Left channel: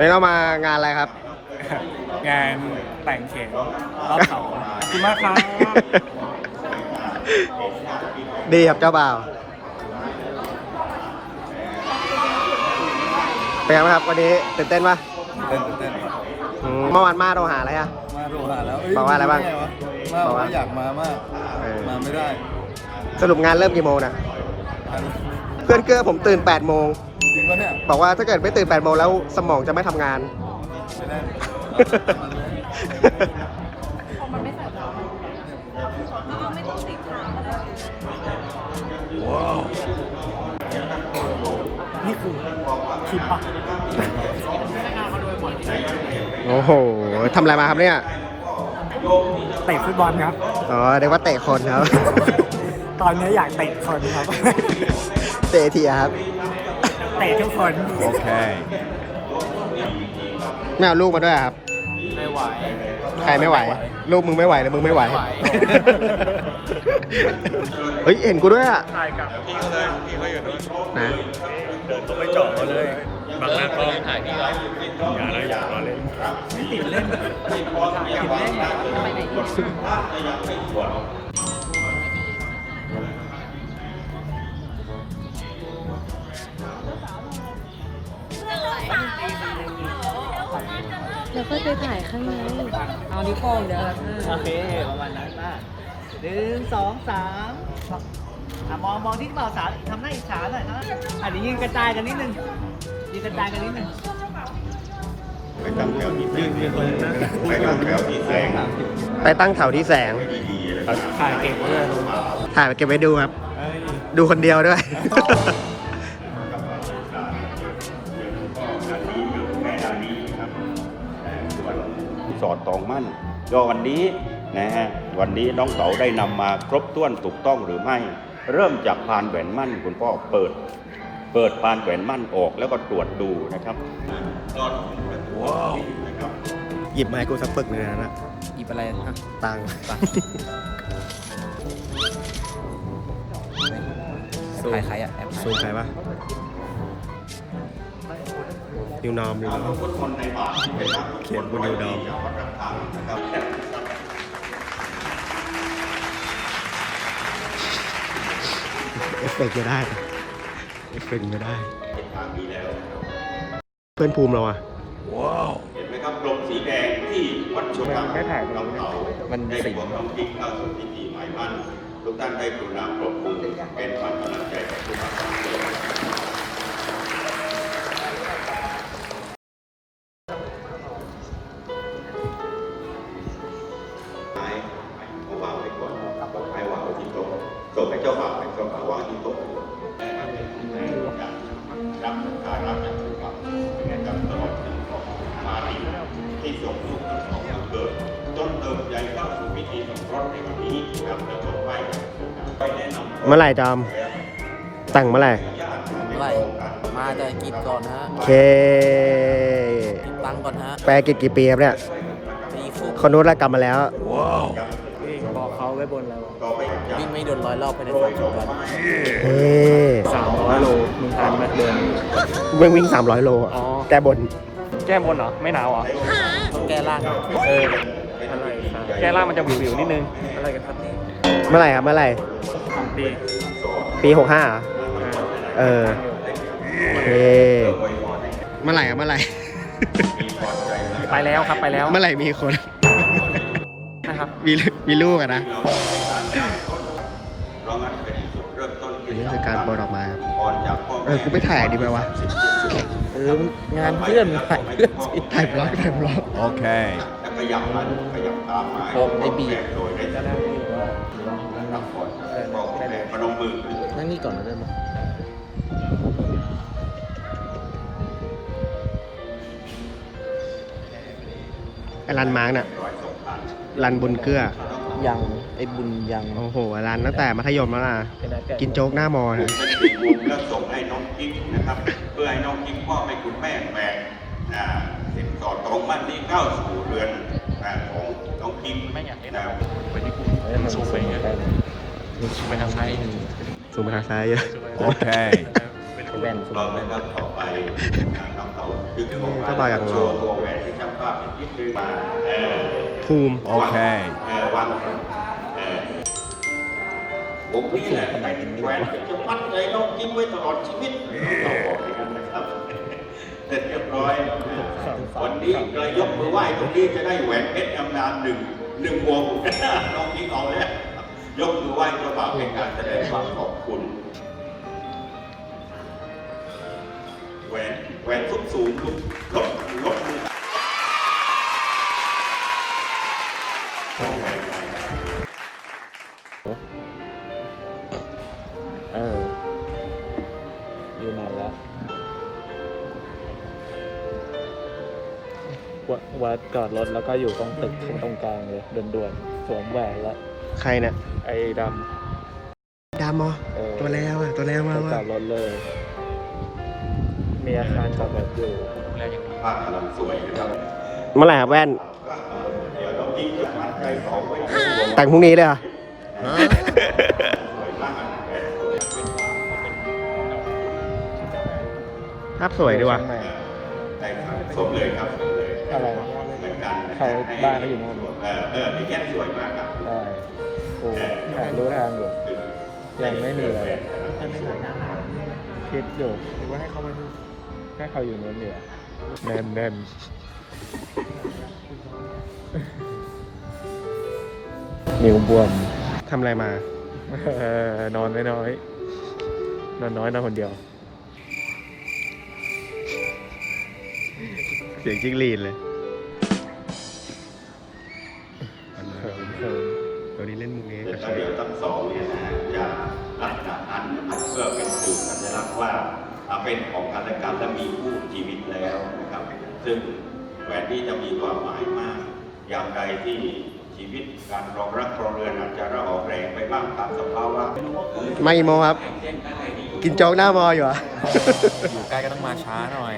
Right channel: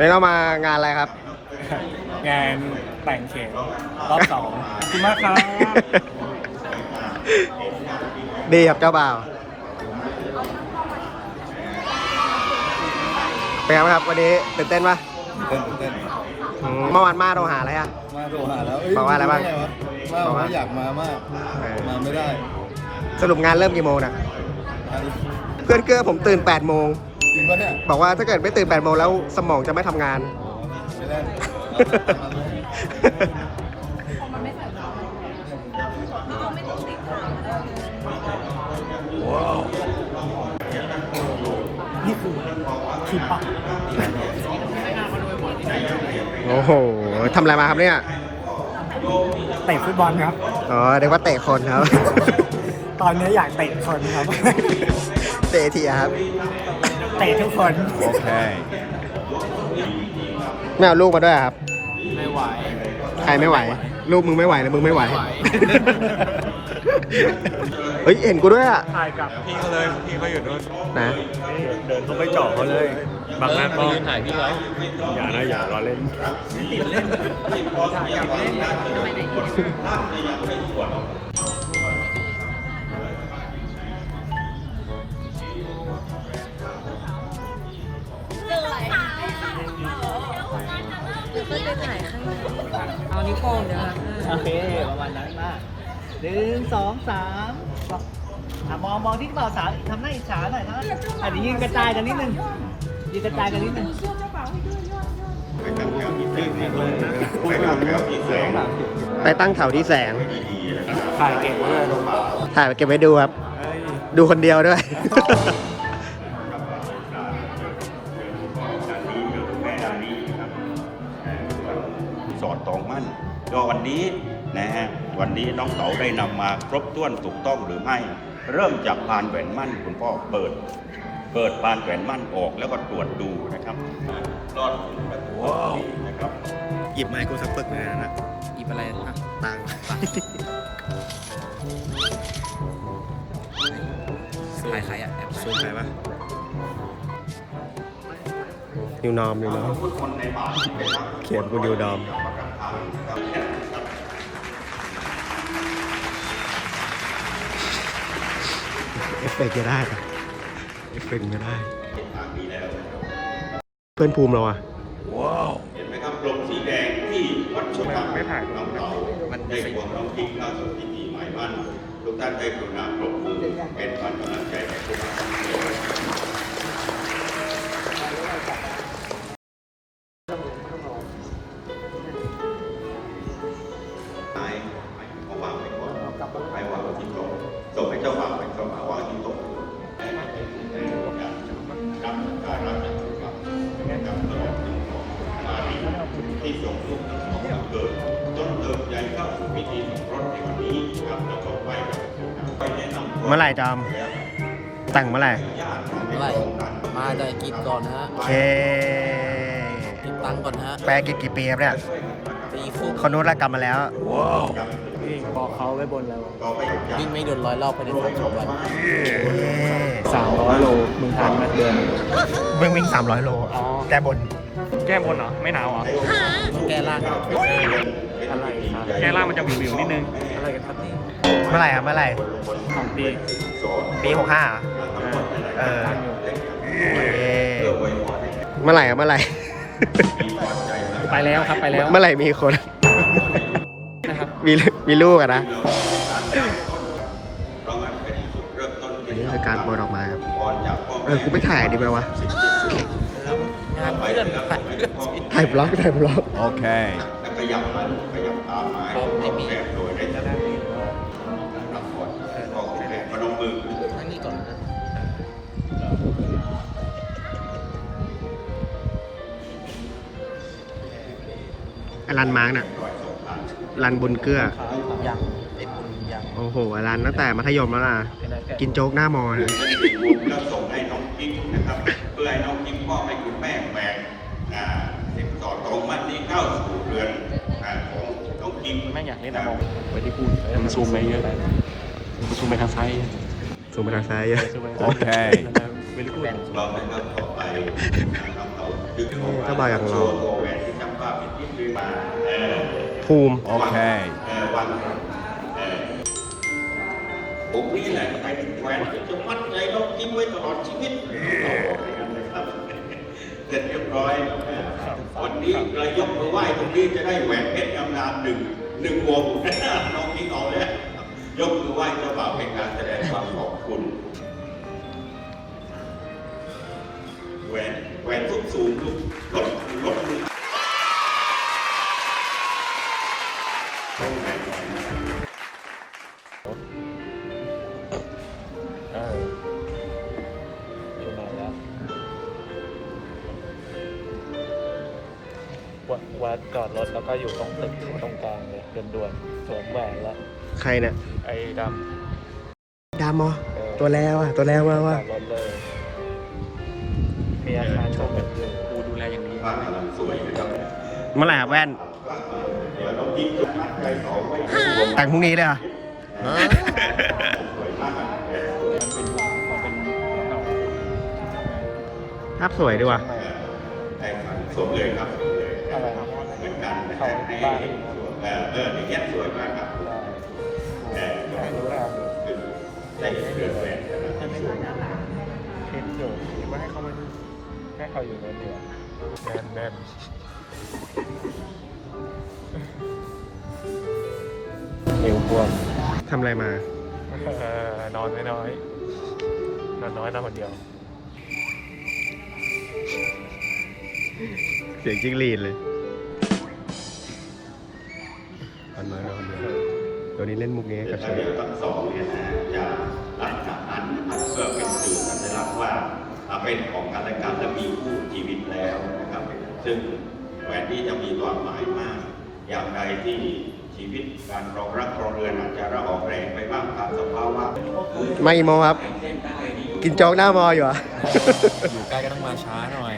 วันนี้เรามางานอะไรครับ งานแต่งเข็มรอบสองขอบคุณมากครับดีครับเจ้าบ่าวเป็นไงบ้างครับวันนี้ตื่นเต้นปะเต้นเต้นอืมเมื่อวานมาโทรหาอะไรอะมาโรหาแล้วบอกว่าอะไรบ้างว่าบอกว่าว่าอยากมามาก เออ มาไม่ได้สรุปงานเริ่มกี่โมงน่ะเพื่อนเกื้อผมตื่น8โมงจริง ปะเนี่ยบอกว่าถ้าเกิดไม่ตื่น8โมงแล้วสมองจะไม่ทำงาน ไม่ได้นี่คือคลิปปะโอ้โหทำอะไรมาครับเนี่ยเตะฟุตบอลครับ อ๋อเรียกว่าเตะคนครับ ตอนนี้อยากเตะคนครับ เตะทีครับ เตะทุกคน Okay. ไม่เอาลูกมาด้วยครับ ไม่ไหว ใครไม่ไหว ลูกมึงไม่ไหวหรือมึงไม่ไหว ไม่ไหว เฮ้ย เห็นกูด้วยอะ นะไม่จบเลยบางหน้าก็อย่านะอย่ารอเล่น เดี๋ยวเพื่อนไปถ่ายข้างในเอานิ้วโป้งเดี๋ยวโอเคประมาณนั้นมากหนึ่งสองสามอะมองมองที่กระเป๋าสามทำหน้าอิจฉาหน่อยนะอะเดี๋ยวยืนกระจายกันนิดนึงยืนกระจายกันนิดนึงไปตั้งแถวที่แสงถ่ายเก่งเลยถ่ายไปเก็บไว้ดูครับ ดูคนเดียวด้วย สอดตองมั่นก็วันนี้นะฮะวันนี้น้องเต๋าได้นำมาครบถ้วนถูกต้องหรือไม่ เริ่มจากพานแหวนมั่นคุณพ่อเปิด เปิดพานแหวนมั่นออกแล้วก็ตรวจดูนะครับหยิบมาให้กูสักปึกหนึงนะหยิบอะไรอะตังค์แอบถ่ายใครอะแอบถ่ายซื้อใครวะ นิวนอมนิวนอมเขียนกูนิวนอมเอฟเฟกต์จะได้ปะเอฟเฟกต์ไม่ได้ เพื่อนภูมิเราอะนะครับลมสีแดงที่วัดชมไม่ถ่ายน้องเต๋ามันในสีหัวน้องทิ้งเข้าสู่พิธีหมายมั่นทุกท่านได้กรุณาปรบมือเป็นวัญกำลังใจแก่ผู้นำทั้งปว ตังก่อนฮะแปลกิจกี่ปีครับเนี่ยตีฟุกคนนู้นละกลับมาแล้วนี่บอกเขาไว้บนแล้ววิ่งไม่โดนร้อยรอบภายในสามสิบวันเอ้ยสามร้อยโลมึงทันไหมเดือนวิ่งวิ่งสามร้อยโลอ๋อแก้บน แก้บนเหรอ ไม่หนาวเหรอต้องแก้ร่างอะไรครับแก้ล่างมันจะวิววิวๆนิดนึง อะไรกันครับนี่เมื่อไหร่ครับเมื่อไหร่ของปี ปีหกห้าอ่าเออตั้งอยู่ เมื่อไหร่ครับเมื่อไหร่ ไปแล้วครับไปแล้วเมื่อไหร่มีคน นะครับมีมีลูกอะนะอันนี้คือการโปรยดอกไม้ครับเออกูไปถ่ายดีไหมวะงานเพื่อนงานเพื่อนสิถ่ายบล็อกถ่ายบล็อก Okay. ขยับมันขยับตามมาไอ้บีโดย รันมาร์กน่ะรันบุญเกลือยังไอ้บุญยังโอ้โหไอ้รันตั้งแต่มัธยมแล้วนะกินโจ๊กหน้ามอนะก็ส่งให้น้องกิ๊กนะครับ เพื่อให้น้องกิ๊กมอบให้คุณแม่แหวนนะสิบต่อตรงมันนี่เข้าสู่เรือนนะของน้องกิ๊กไม่อยากเล่นนะสูงไปทางซ้ายเยอะ Okay. เราเป็นลำต่อไปน้องเต๋าเเจ้าบ่าวอย่างหล่อตัวแหวนที่ช่าง ภาพอีกนิดนึงเออภูมิเออวางเออผมนี่แหละไอ้แหวนเป็นจะมัดเลยต้องยิ้มไว้ตลอดชีวิตเสร็จเรียบร้อยวันนี้เรายกมือไหว้ตรงนี้จะได้แหวนเพชรทำงานหนึ่งหนึ่งวงน้องนี้เอาเลยยกมือไหว้เจ้าบ่าวเป็นการแสดงความขอบคุณแหวนแหวนทุกสูงลบลบมือ วัดวัดจอดรถแล้วก็อยู่ตรงตึกตรงกลางเลยด่วนๆสวมแหวนแล้วใครเนี่ยไอ้ดดามอำเออตัวแล้วอะ ตัวแล้วมาจว่าอดรถเลย มีอาการจอดรถอยู่ภาพกำลังสวยนะครับเมื่อไหร่ครับแว่นเดี๋ยวน้องยิ้มจะใจสองไว้แต่งพรุ่งนี้เลยเหรอภาพสวยดีว่ะใจขันสมเลยครับเหมือนกัน นะฮะให้เออเอออย่างเงี้ยสวยมากครับเออรู้ทางอยู่ใจเกิดแหวนคิดอยู่คิดว่าให้เขาไปให้เขาอยู่รถเดียวแน่นแน่นยืมเพื่อนทำอะไรมา เออนอนไม่น้อยนอนน้อยนอนคนเดียว เสียงจิ้งหรีดเลย นี้เล่นมุกนี้กับแล้วเชฟเดี๋ยวทั้งสองเนี่ยนะจะหลังจากนั้นเพื่อเป็นสูตรสัญลักษณ์ว่าเป็นของกันและกันและมีคู่ชีวิตแล้วนะครับซึ่งแหวนที่จะมีความหมายมาก อย่างใดที่ชีวิตการรองรักครองเรือนอาจจะระออกแรงไปบ้างตามสภาวะไม่โมครับ กินโจ๊กหน้ามออยู่เหรอะอยู่ใกล้ก็ต้องมาช้าหน่อย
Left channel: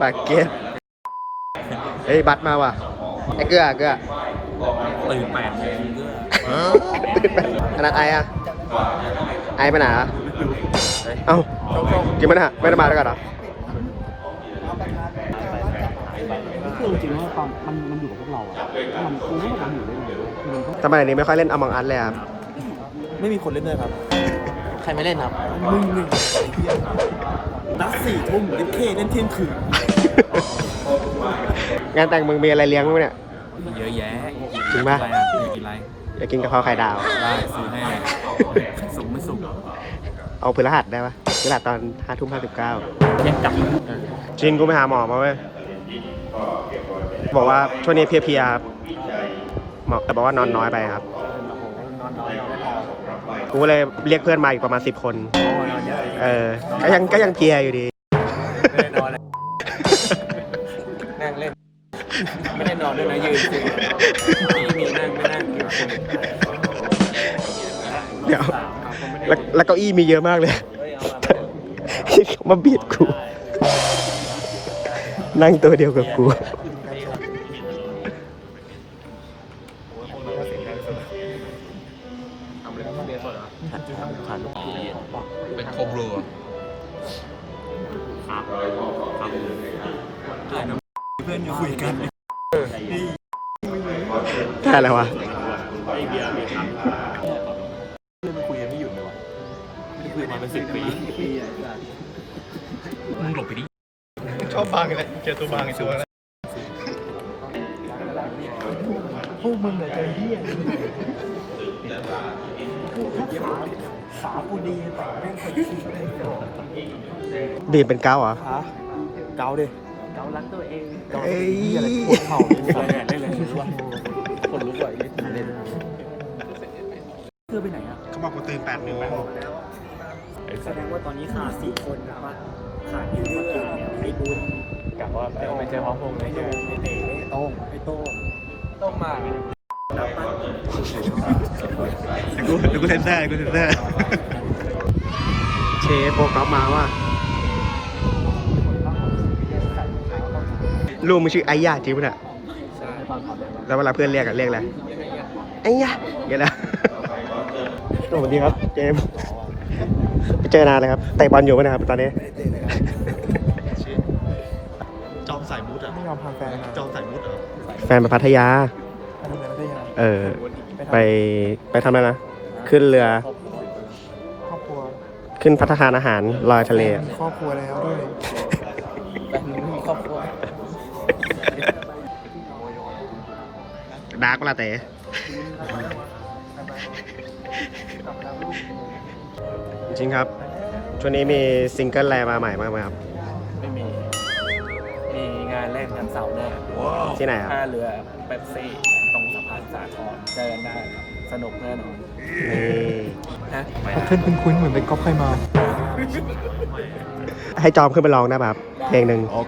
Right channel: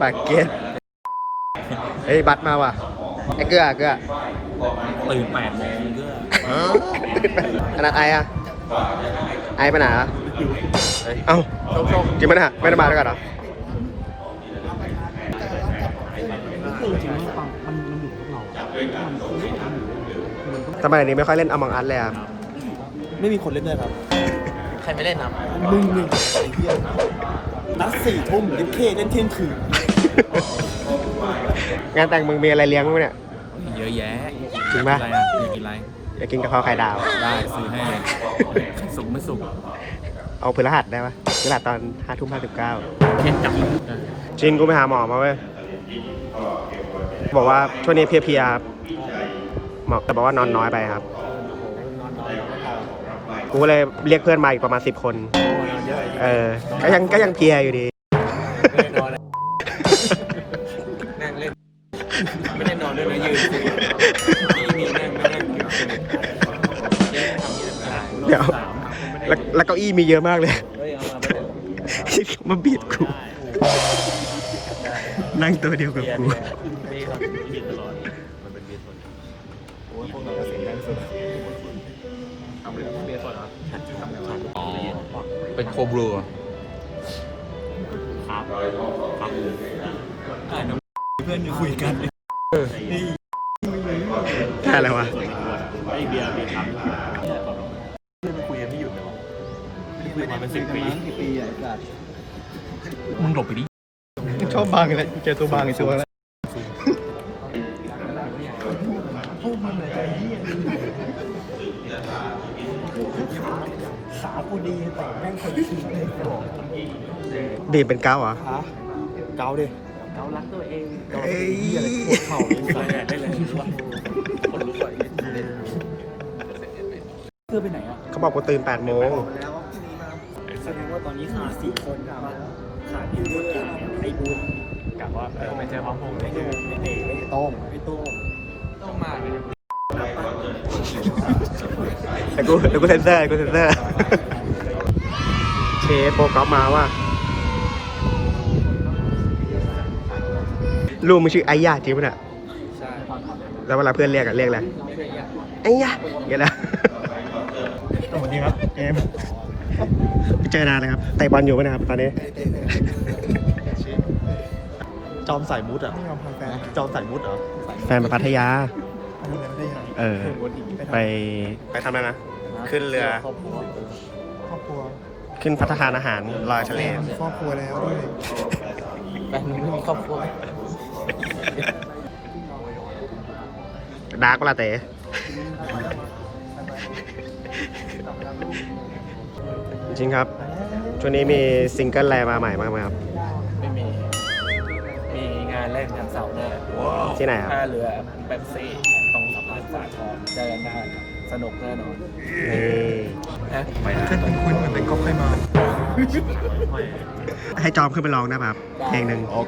ปากเกตเฮ้ยบัตรมาว่ะไอ้เกลือเกลือ ตื่นแปดโมงเพื่อขนาดไออะไอไปไหนอะเอ้าจริงไหมนะไม่ได้มาด้วยกันเหรอทำไมอันนี้ไม่ค่อยเล่นอมองอันเลยครับไม่มีคนเล่นด้วยครับ ใครไม่เล่นอะมึงหนึ่งไอ้เหี้ยนัดสี่ทุ่มเล่นเคเล่นเที่ยงคืน งานแต่งมึงมีอะไรเลี้ยงมั้ยเนี่ย เยอะแยะจริงปะอะไรอะอยากกินอะไรอยากกินกะเพราไข่ดาว ได้ซื้อให้เลยสุกไม่สุกเอาพฤหัสได้ปะพฤหัสตอนห้าทุ่มห้าสิบเก้าไม่จับชินกูไปหาหมอมาเว้ย บอกว่าช่วงนี้เพลียๆหมอแต่บอกว่านอนน้อยไปครับนอนน้อยนอนไม่พอกูก็เลยเรียกเพื่อนมาอีกประมาณสิบคนโอ้นอนเยอะเออ ก็ยังก็ยังเพลียอยู่ดีไม่ได้นอนเลยนั่งเล่นไม่ได้นอนด้วยนะยืนคุยมีนั่งไม่นั่งยืนคุยเดี๋ยวแล้วแล้วเก้าอี้มีเยอะมากเลยเฮ้ยเอามาที่เขามาบีดกูนั่งตัวเดียวกับกูเป็นโคบลูเพื่อนจะคุยกันแค่ อะไรวะเพื่อนคุยกันไม่หยุดเลยวะไม่ได้คุยมาเป็นสิบปีมึงหลบไปดิชอบฟังเลยเจอตัวบางในชัวร์แล้วขากูดีแต่แม่งใส่ขี้ดื่มเป็นเก้าเหรอเกาดิเรารักตัวเองเอ้ยปวดเข่าเลย เขาบอกกูตื่น8โมงแสดงว่าตอนนี้ขาดสี่คนนะครับขาดพี่เลือไอ้บุญกับว่าไปเจอของผมไอ้โดมไอ้เต๋ไอ้โต้งไอ้โต้งต้องมานับปั้นแต่กูแต่กูเซนเซอร์กูเซนเซอร์เชฟโปรกอฟมาว่ะลูกมึงชื่อไอ้ยาจริงปะเนี่ยใช่แล้วเวลาเพื่อนเรียกอะเรียกอะไรไอ้ยาอย่างเงี้ยนะส วัสดีครับเจมส์ไม่เจอนานเลยครับเตะบอลอยู่ไหมนะครับตอนนี้ จอมสายมุดอะไม่ยอมพาแฟนจอมสายมุดเหรอแฟนไปพัทยาอันนี้ไม่ได้ยังเออ ไปไปทำอะไรนะ ขึ้นเรือ ครอบครัว ขึ้นพัฒนาอาหารลอยทะเล ครอบครัวแล้วด้วยแฟนไม่มีครอบครัวดาร์กเวลาเต๋ จริงครับ ช่วงนี้มีซิงเกิลอะไรมาใหม่บ้างไหมครับ ไม่มี มีงานเล่นกันเสาร์หน้าที่ไหนครับท่าเรือเป๊ปซี่ตรงสะพานสาทรเจอกันได้สนุกแน่นอนเออนะเพื่อนคุ้นๆเหมือนเป็นก๊อฟเคยมา ให้จอมขึ้นไปร้องได้แบบเพลงหนึ่งร้อ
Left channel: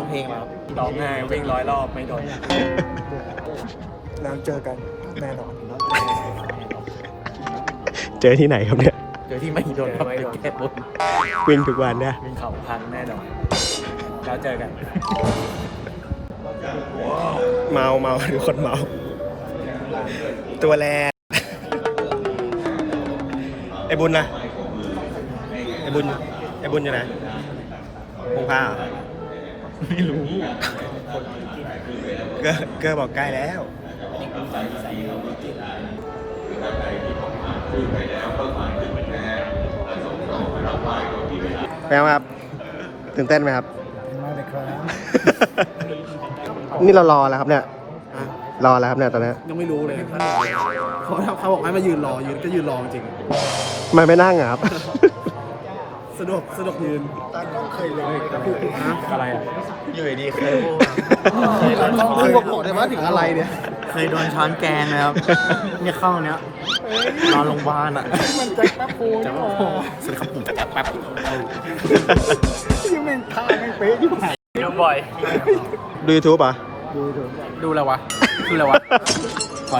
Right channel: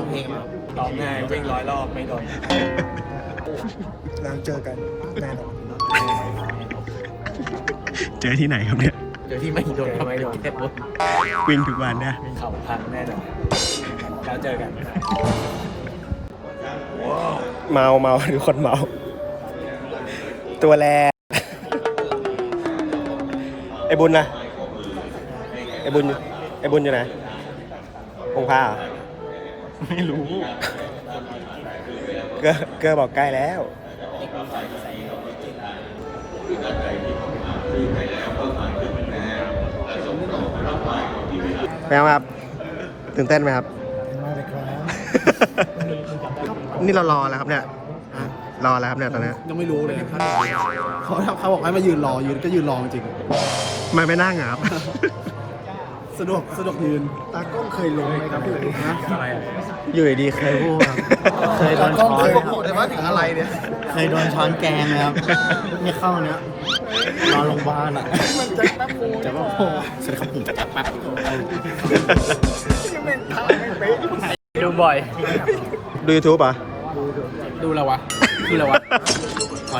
งเพลงครับร้องง่ายวิ่งร้อยรอบไม่โดนแล้วเจอกันแน่นอน เจอที่ไหนครับเนี่ยเดี๋ยวที่ไม่โดนทำให้โดนแค่ปุ๊บวิ่งทุกวันเนี่ยเข่าพังแน่นอนแล้วเจอกัน เมาเมาทุกคนเมา ตัวแรไอ้บุญนะไอ้บุญไอ้บุญอยู่ไหนพงผ้าเหรอไม่รู้เกอเกอบอกใกล้แล้ว เป็นไงครับตื่นเต้นไหมครับ มาเลยครับ นี่เรารอแล้วครับเนี่ย รอแล้วครับเนี่ยตอนนี้ยังไม่รู้เลยเขาเขาบอกให้มายืนรอยืนก็ยืนรอจริงทำไมไม่นั่งอะครับ สะดวกสะดวกยืน ตากล้องเคยรู้ฮะอยู่ดีเคยตากล้องเคยพูดว่าถึงอะไรเนี่ยเคยโดนช้อนแกงเลยครับเนี่ยเข้าเนี้ยนอนโรงพยาบาลอะแต่ว่าโอ้สวัสดีครับผมแป๊บดูบ่อยดูยูทูบอะดูแล้ววะดูแล้ววะพร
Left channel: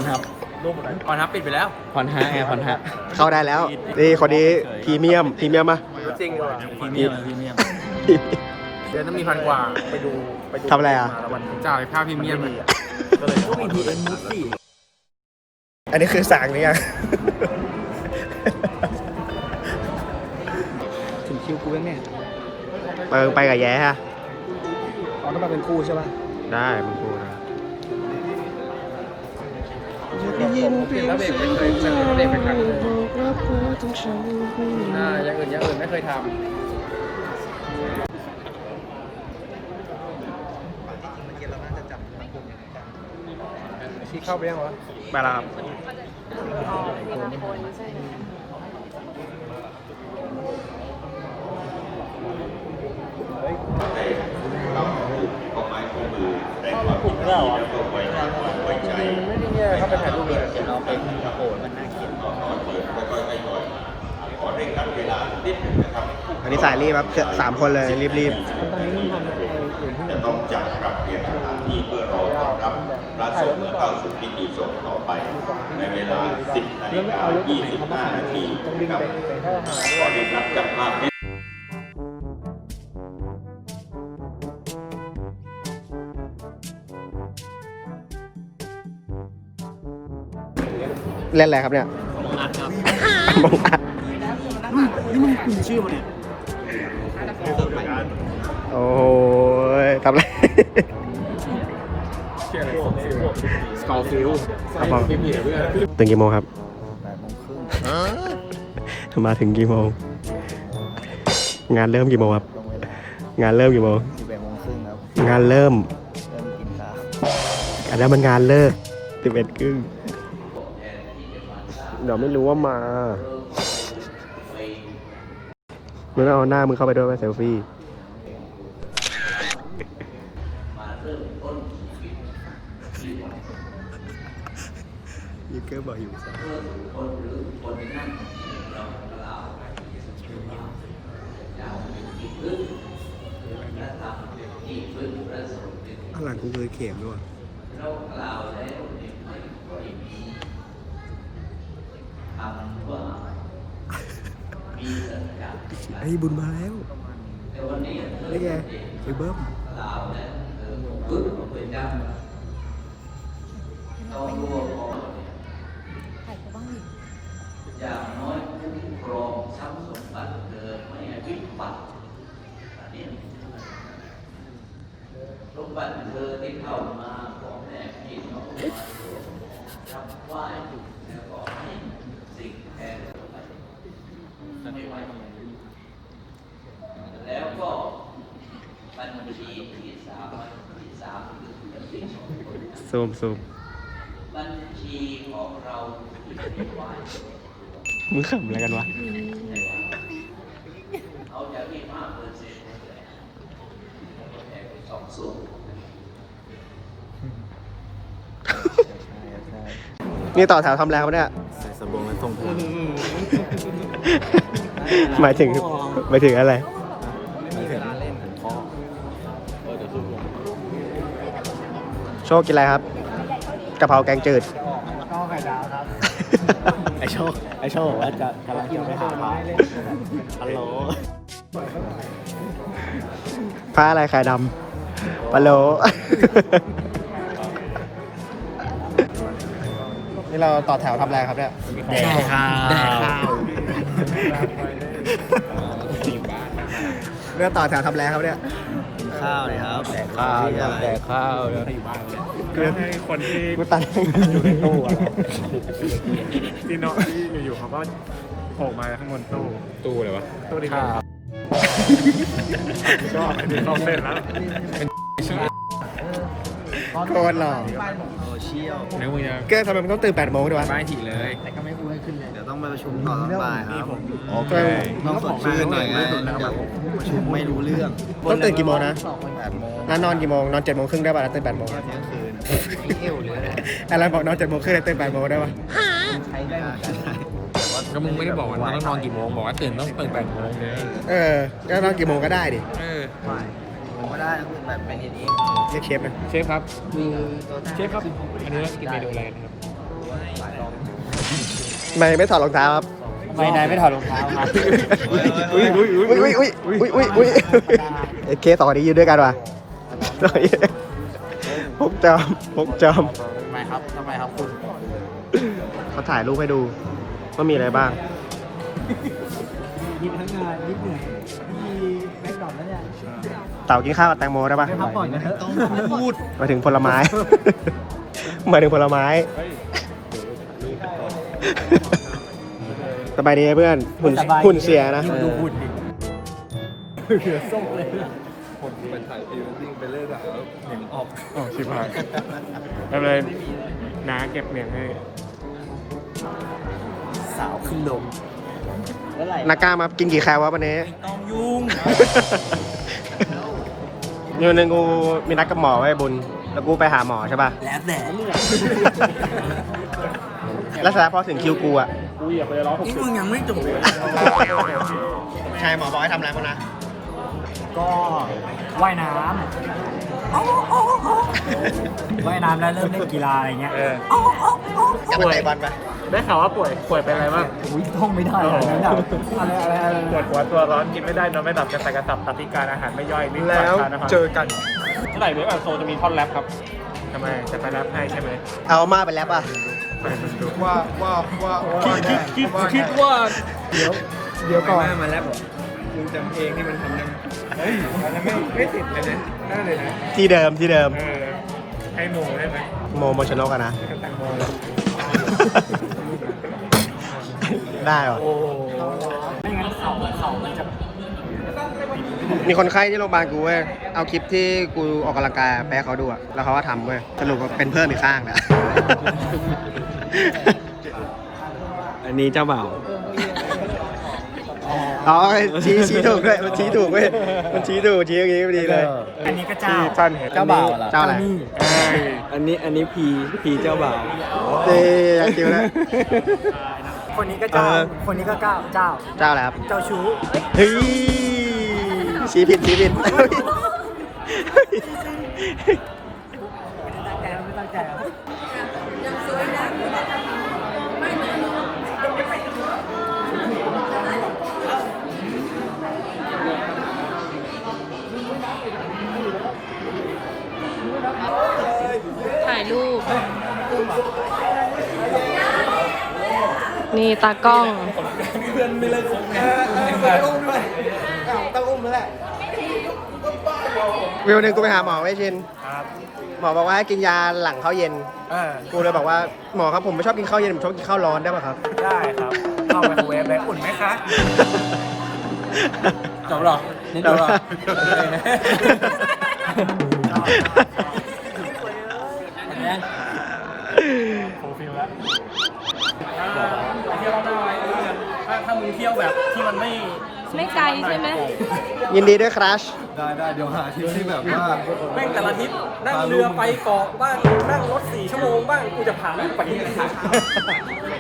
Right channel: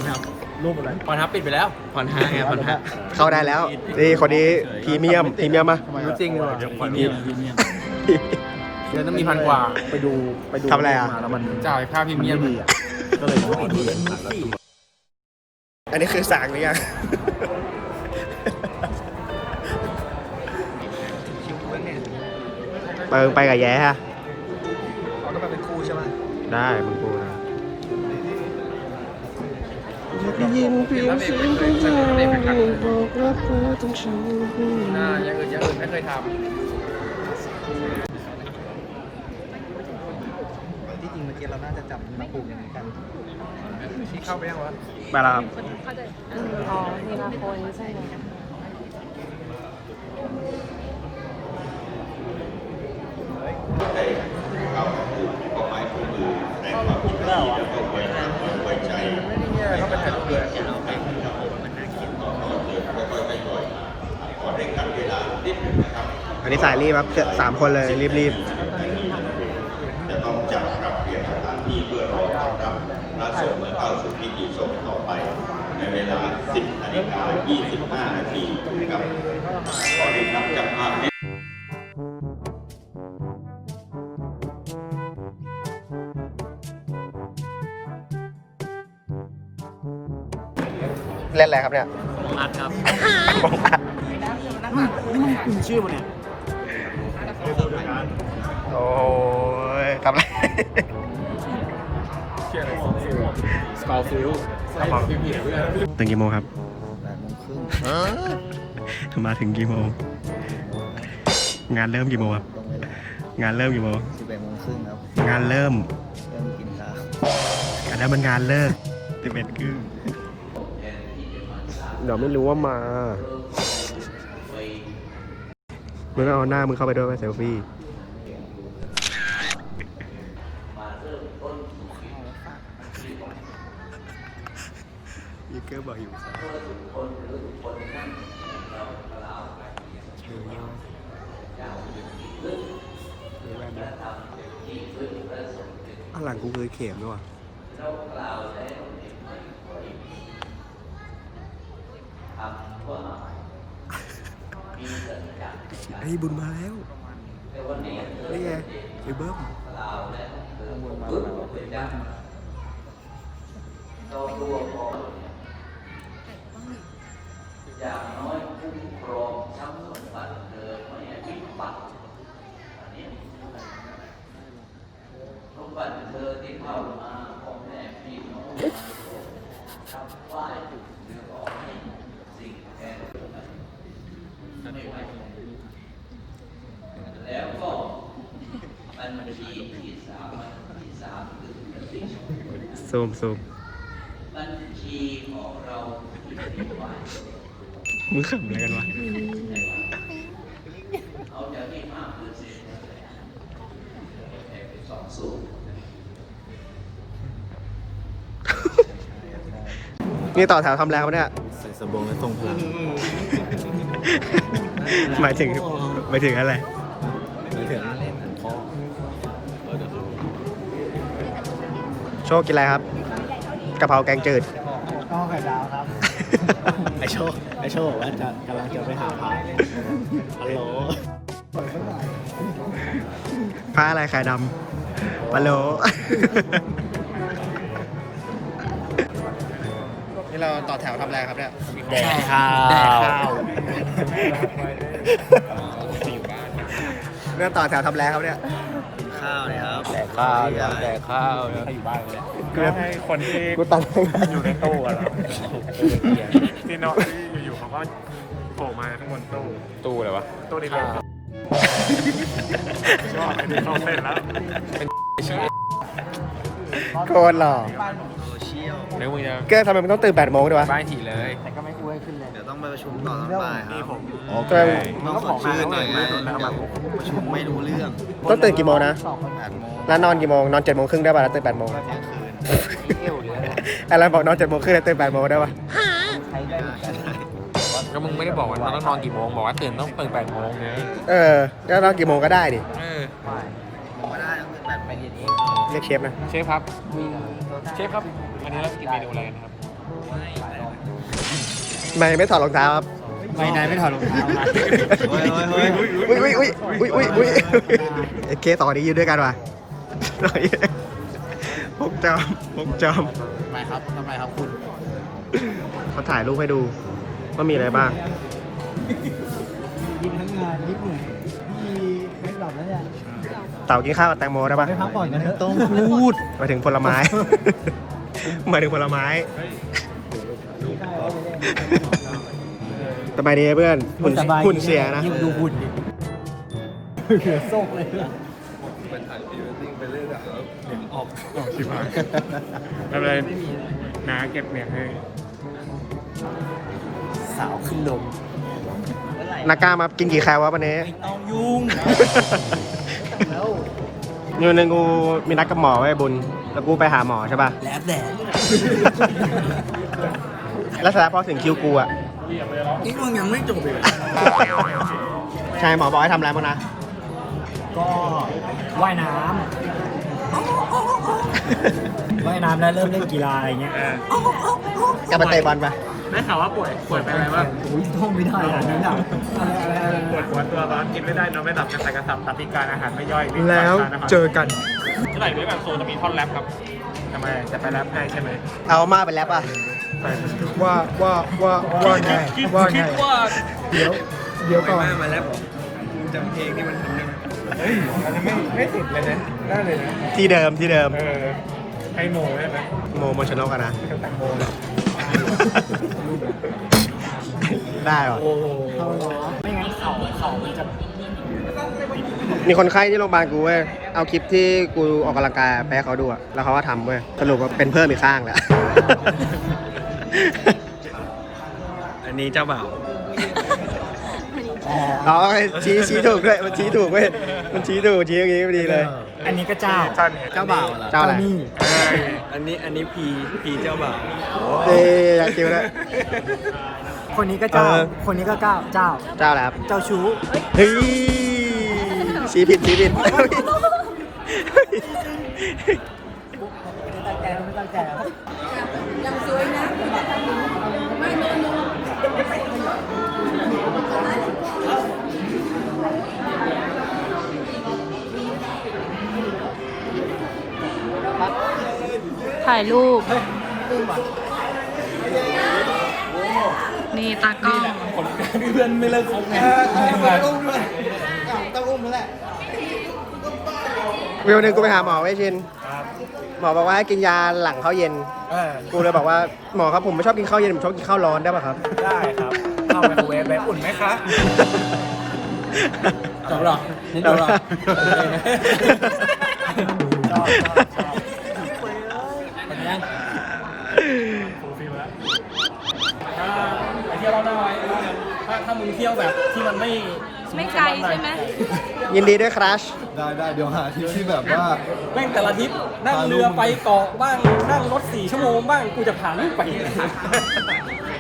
ทับพรทับปิดไปแล้วพรทับไงพรทับเข้าได้แล้ว นี่คนนี้พรีเมียมพรีเมียมป่ะจริงพรีเมียมพรีเมียมเดือนต้องมีพันกว่าไปดูทำอะไรอะ จ่ายค่าพรีเมียมเลยอันนี้คือสั่งเนี่ยถึงคิวกูแล้วเนี่ยเปิงไปกับแย้ฮะต้องมาเป็นคู่ใช่ไหมได้มึงกูนะ อยากได้ยินเพียงเสียงของเธอบอกรักเธอต้องฉันอ่าอย่างอื่นอย่างอื่นไม่เคยทำที่จริงเกมแรกน่าจะจับมาดูมีกันที่เข้าไปยังวะไปแล้วครับ อันนี้สายรีบครับสามคนเลยรีบรีบจะต้องจัดปรับเปลี่ยนสถานที่เพื่อรอต้อนรับพระสงฆ์เข้าสู่พิธีสงฆ์ต่อไป ในเวลา 10นาฬิกา25 นาทีนะครับขอเรียนรับจากภาพเล่นอะไรครับเนี่ยมาครับชื่อมันโทำอะไรสกอร์ฟิลตื่นกี่โมงครับแปดโมงครึ่งมาถึงกี่โมง งานเริ่มกี่โมงครับ ตรงเวลางานเริ่มกี่โมง สิบเอ็ดโมงครึ่งครับ งานเริ่ม เริ่มกินข้าว อันนั้นมันงานเลิกสิบเอ็ดครึ่งเดี๋ยวไม่รู้ว่ามามึงต้องเอาหน้ามึงเข้าไปด้วยไปเซลฟี่ ยูเกอร์บอกอยู่ครับอะหลังกูเคยเข็มด้วยว่ะไอ้บุญมาแล้วนี่ไงไอ้เบิ้มซูมซูมมึงขำอะไรกันวะนี่ต่อแถวทำแล้วเนี่ย ใส่สบงและทรงพลัง หมายถึงหมายถึงอะไร โชคกินอะไรครับกะเพราแกงจืดก็ไข่ดาวครับไอโชคไอโชคบอกว่าจะกำลังจะไปหาพระฮัลโหลผ้าอะไรไข่ดำปลาโลนี่เราต่อแถวทำอะไรครับเนี่ยใช่ครับแดกข้าวเรื่องต่อแถวทำอะไรครับเนี่ย ข้าวเลยครับข้าวแดกข้าวใครอยู่บ้านเลยคนที่กูตังอยู่ในตู้อะครับที่เนาะที่อยู่ๆเขาก็โผล่มาข้างบนตู้ตู้เลยวะตู้นี่เลยก็ไอ้ที่เข้าเส้นแล้วโคตรหล่อโซเชียลแล้วมึงจะเก้ทำไมมันต้องตื่น8โมงด้วยวะบ้านถี่เลยเดี๋ ยวต้องไปประชุมต่อตอนบ่ายครับโอเค ต้องสดชื่นหน่อยไงเดี๋ยวประชุมไม่รู้เรื่องต้องตื่นกี่โมงนะแปดโมงแล้วนอนกี่โมงนอน7โมงครึ่งได้ป่ะแล้วตื่น8โมงเที่ยงคืนเที่ยวเลยอะไรบอกนอน7โมงครึ่งแล้วตื่น8โมงได้ป่ะก็มึงไม่ได้บอกว่ามันต้องนอนกี่โมงบอกว่าตื่นต้องตื่นแปดโมงไงเออแล้วนอนกี่โมงก็ได้ดิเออผมก็ได้แบบเป็นอย่างนี้เรียกเชฟนะเชฟครับมีเชฟครับอันนี้เรากินเมนูอะไรกันครับ ไม่ไม่ถอดรองเท้าครับไม่นายไม่ถอดรองเท้าครับอุ้ยอุ้ยอุ้ยอุ้ยอุ้ยอุ้ยไอ้เคสต่อนี้อยู่ด้วยกันว่ะพกจอมพกจอมทำไมครับทำไมครับคุณเขาถ่ายรูปให้ดูว่ามีอะไรบ้างกินทั้งงานนิดหนึ่งมีแม็กดอปแล้วเนี่ยเต่ากินข้าวกับแตงโมได้ปะไปพักผ่อนกันเถอะต้องพูดมาถึงผลไม้ มาถึงผลไม้ สบายดีไหมเพื่อนหุ่นหุ่นเสียนะ ดูหุ่นดิเหลือส่งเลยอะออกออกชิบหายแล้วเลยน้าเก็บเงินให้ สาวขึ้นนมนาก้ามากินกี่แคลวะวันนี้ต้องยุ่งนี่วันหนึงกูมีนัดกับหมอไว้บุญ แล้วกูไปหาหมอใช่ป่ะ แล้วแต่ แล้วเสร็จแล้วพอถึงคิวกูอะ นี่มึงยังไม่จบเลยใช่หมอบอกให้ทำอะไรบ้างนะ ก็ว่ายน้ำว่ายน้ำแล้วเริ่มเล่นกีฬาอะไรเงี้ยก็ไปเตะบอลไป ได้ข่าวว่าป่วยป่วยเป็นอะไรบ้างโอ้ยท่องไม่ได้อะไรนะอะไรอะไรอะไรปวดหัวตัวร้อนกินไม่ได้นอนไม่หลับกระสับกระสับตับพิการอาหารไม่ย่อยลิ้นสายทานอาหารเจอกันเมื่อไหร่เว็บแบบโซนจะมีท่อนแรปครับทำไมจะไปแรปให้ใช่ไหมเอามาไปแล้วป่ะไปดูว่าว่าว่าคิดคิดว่าเดี๋ยวเดี๋ยวก่อนดูจากเพลงที่มันเป็นเฮ้ยอันนั้นไม่ไม่ติดเลยนะได้เลยนะที่เดิมที่เดิมเออให้โมได้ไหมโมโมชนกอะนะกับแตงโมเลย ได้หรอโอ้ไม่งั้นเข่าเข่ามันจะมีคนไข้ที่โรงพยาบาลกูเว้ย เอาคลิปที่กูออกกำลังกายไปให้เขาดูอะแล้วเขาก็ทำเว้ย สรุปว่าเป็นเพิ่มอีกข้างเลยอันนี้เจ้าบ่าวอ๋อชี้ชี้ถูกด้วย มันชี้ถูกเว้ย มันชี้ถูกชี้อย่างงี้พอดีเลย อันนี้ก็เจ้า ท่านเห็นเจ้าบ่าวเจ้าอะไร นี่อันนี้อันนี้พีพีเจ้าบ่าวเต้อยากติวแล้ว คนนี้ก็เอเจ้าอคนนี้ก็เจ้าเจ้า เจ้าแล้วเจ้าชู้เฮ้ยชี้ผิดชี้ผิดตั้งใจไม่ตั้งใจอะ ถ่ายรูป นี่ตากล้องต้องอุ้มด้วยต้องอุ้มแล้วแหละวิวหนึ่งกูไปหาหมอไว้ชิน ครับหมอบอกว่าให้กินยาหลังข้าวเย็น เออกูเลยบอกว่าหมอครับผมไม่ชอบกินข้าวเย็นผมชอบกินข้าวร้อนได้ป่ะครับ ได้ครับเข้าไมโครเวฟเลยอุ่นไหมคะจบหรอนี่จบหรอ อันนี้ อ่าไปเที่ยวรอบหน้าไว้ว่ากันถ้าถ้ามึ งเที่ยวแบบที่มันไม่ไม่ไกลใช่ไหม ยินดีด้วยครัช ได้ได้เดี๋ยวหาทริปที่แบบว่า แม่งแต่ละทริปนั่งเรือไปเกาะบ้างนั่งรถสี่ชั่วโมงบ้างกูจะผ่านลูกไป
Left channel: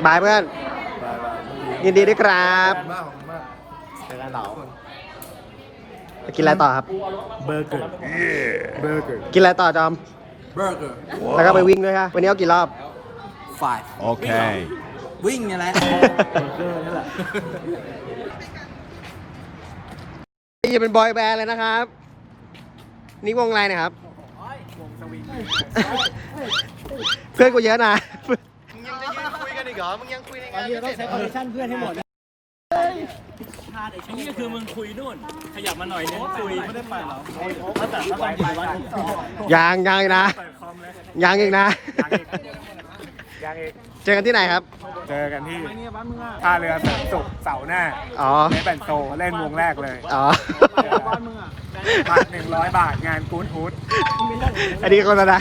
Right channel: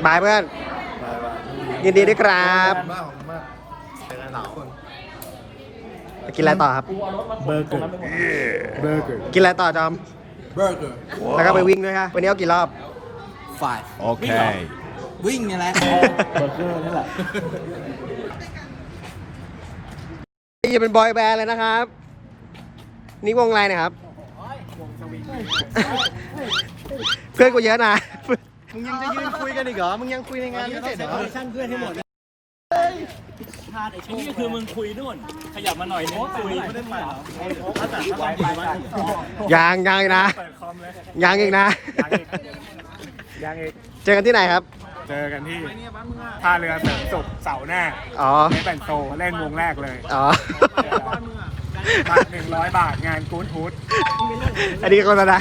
บายเพื่อนยินดีด้วยครับมากของมากเป็นหลายคน ไปกินอะไรต่อครับ เบอร์เกอร์ เบอร์เกอร์ กินอะไรต่อจอม เบอร์เกอร์ แล้วก็ไปวิ่งด้วยฮะวันนี้เอากี่รอบฝ่าย Okay. วิ่งไงแหละเบอร์เกอร์นี่แหละนี่เป็นบอยแบนด์เลยนะครับ นี่วงอะไรนะครับ วงสวิงเพื่อนกูเยอะนะ มึงยังจะยืนคุยกันอีกเหรอ มึงยังคุยในงานเยอะได้ใช้คอนเนคชั่นเพื่อนให้หมดอ้นี่คือมึงคุยนู่น ขยับมาหน่อยนึงคุยไม่ได้ไปหรอถ้าแต่ถ้าไปไปยังยังอีกนะยยังอีกนะ ยังอีกยังอีกเจอกันที่ไหนครับ เจอกันที่ท่าเรือเสริมสุขเสาร์หน้าอ๋อเนแบนโตเล่นวงแรกเลยอ๋อ บัตรหนึ่งร้อยบาทงานกู๊ดฮูดอันนี้โฆษณา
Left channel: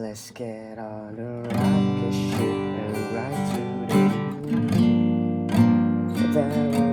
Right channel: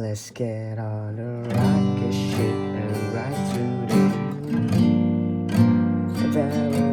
Let's get on a rocket ship and ride to the.